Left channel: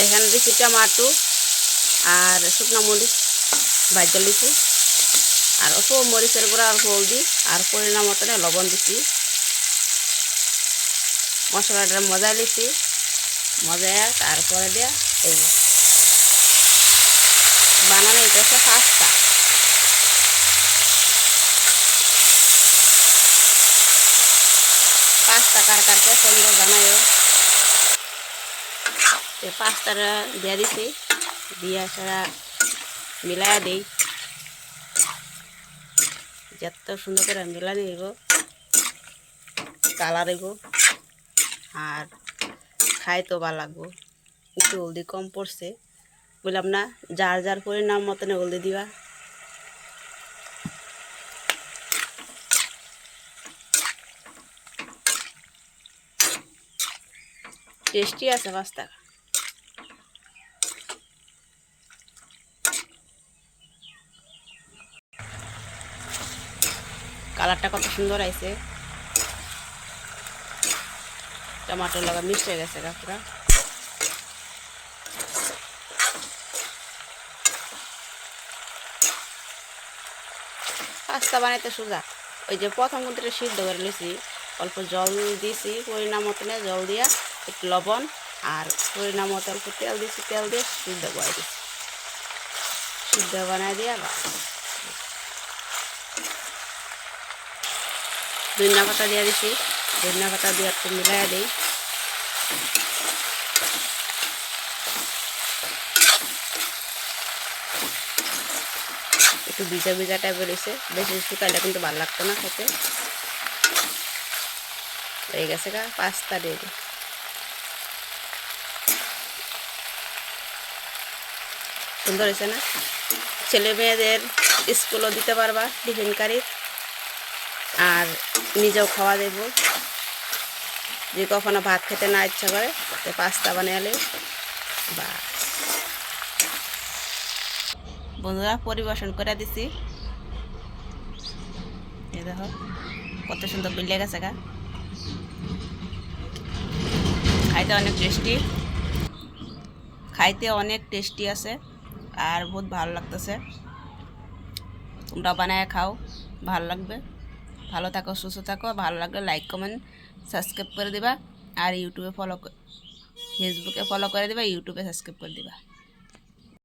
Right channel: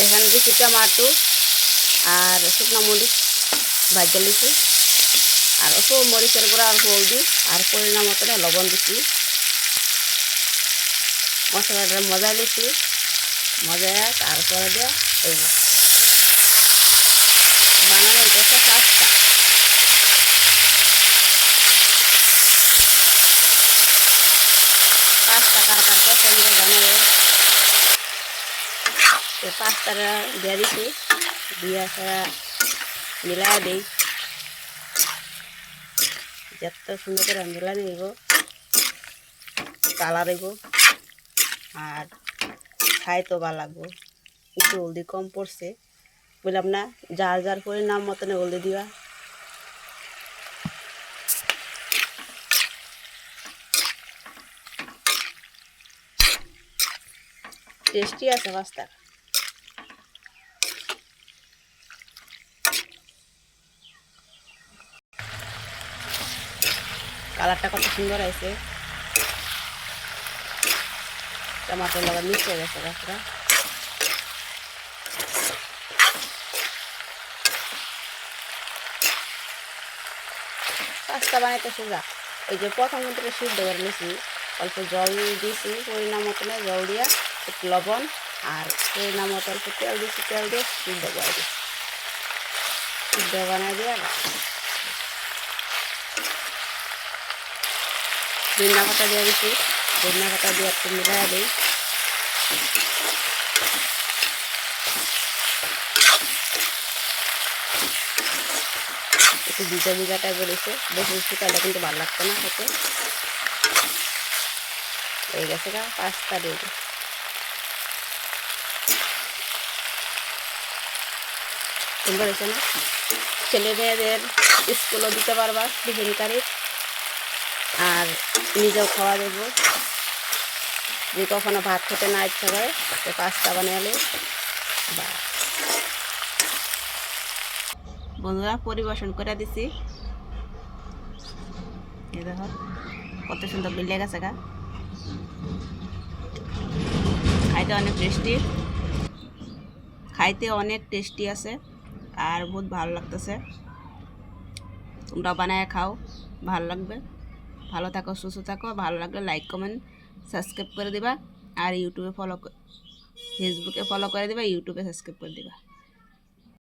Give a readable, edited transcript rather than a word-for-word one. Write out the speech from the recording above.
এখানে দিচ্ছি টমাটো আর শুকনো মরিচ ভাজা লিছি আর অল্প মরিচের গুঁড়া অল্প হলদি আর পরিমাণ মতনে লবণ দিছি মশলাটা মজা লিছি মজা তারপরে দিয়া এই বানানো এটা হচ্ছে পাস্তা কার কার পছন্দ জানাই পাস্তাটা দিয়ে দিছি দিয়া সারা মিলাই দিই যত সুন্দর করে মিলাই নিব কালার হইব আর খাই তো ভালো লাগবো একটু হলদি কম পড়ছে বললাম না যার যার পরিমাণ মতনে হলদি দিবা টেস্টি আছে পাস্তা কালারটা কত সুন্দর আইছে টমেটোর লগে মিশে গেছে পুরা পাস্তা বানাইতে সোজা ওই যে প্রথম কিন্তু সিদ্ধ করে নিয়েছি অল্প জল দিয়েছি পরিমাণ মতনে জল দিয়া একটু লবণ আর পরিমাণ মতো অল্প তেল দিয়েছি তেল দিয়ে সিদ্ধ করে দিচ্ছি সিদ্ধ বানাই দিয়া ধনিয়া পাতা দিয়ে দিচ্ছি ধনিয়া পাতা দিয়ে একটু মিলাই দিই একটু ভিজা ভিজা টাইপের রয়েছে বেশি শুকাইলে কিন্তু ভালো লাগতো না খেতে হয়ে গেছে গা পাস্তা দিয়ে দিই সুন্দর হয়েছে না ছেলে মেয়েদের স্কুলও দিতে পারবা টিফিন কারি আর নিজেও খাওয়া দেব যে কখনো ভাত খেতে না ইচ্ছা করে পাস্তা বানালে বা বন্ধুরা পরিবেশন করে দিছি এই দেখো কত সুন্দর বিলে গেছে গা খাইতে অনেক টেস্টি আছে আর বহুত ভালো লাগতেছে তোমরা বানায় খাও ভালো লাগবে ভালো থাকো সুস্থ থাকো ভালো লাগলে লাইক কমেন্ট সাবস্ক্রাইব করে দিবা আর ফেসবুকে ফলো করে দিবা ইউটিউবে সাবস্ক্রাইব করে দিবা